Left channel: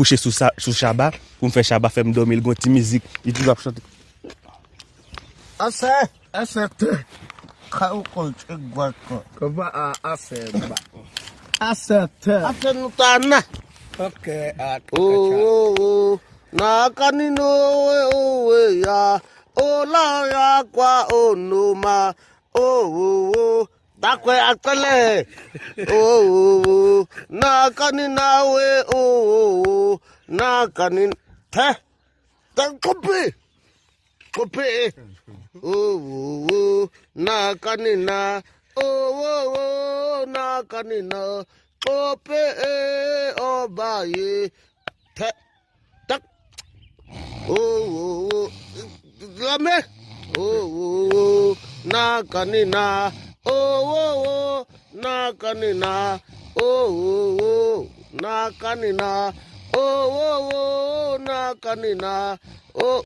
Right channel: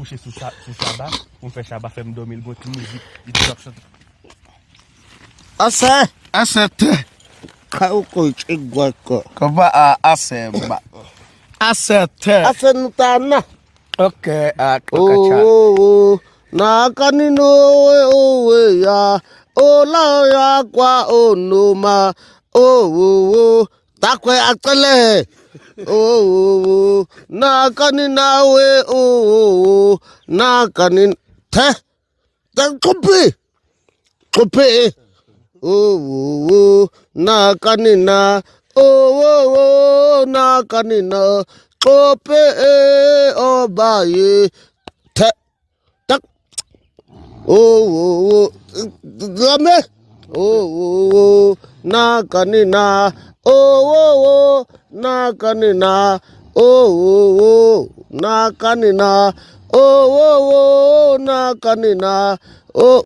coucher sous Chabat, pour me faire Chabat, faire me dormir, une petite musique, il dit, chanter. Asset. Kauko chigwako. Kaba asset. Asset. Asenutana. Okay, Oh, nakanino owe ya. Ola ya kwa onoma. Oh, takwe akale. Oh, nakanina we. Oh, nakanin. Te. Kopi. Kopi. Oh, nakanina. Oh, nakanina. Kope obaye. Te. Tak. Oh, game. Oh, nakanina. Oh, nakanina. Oh, nakanina. Oh, nakanina. Oh.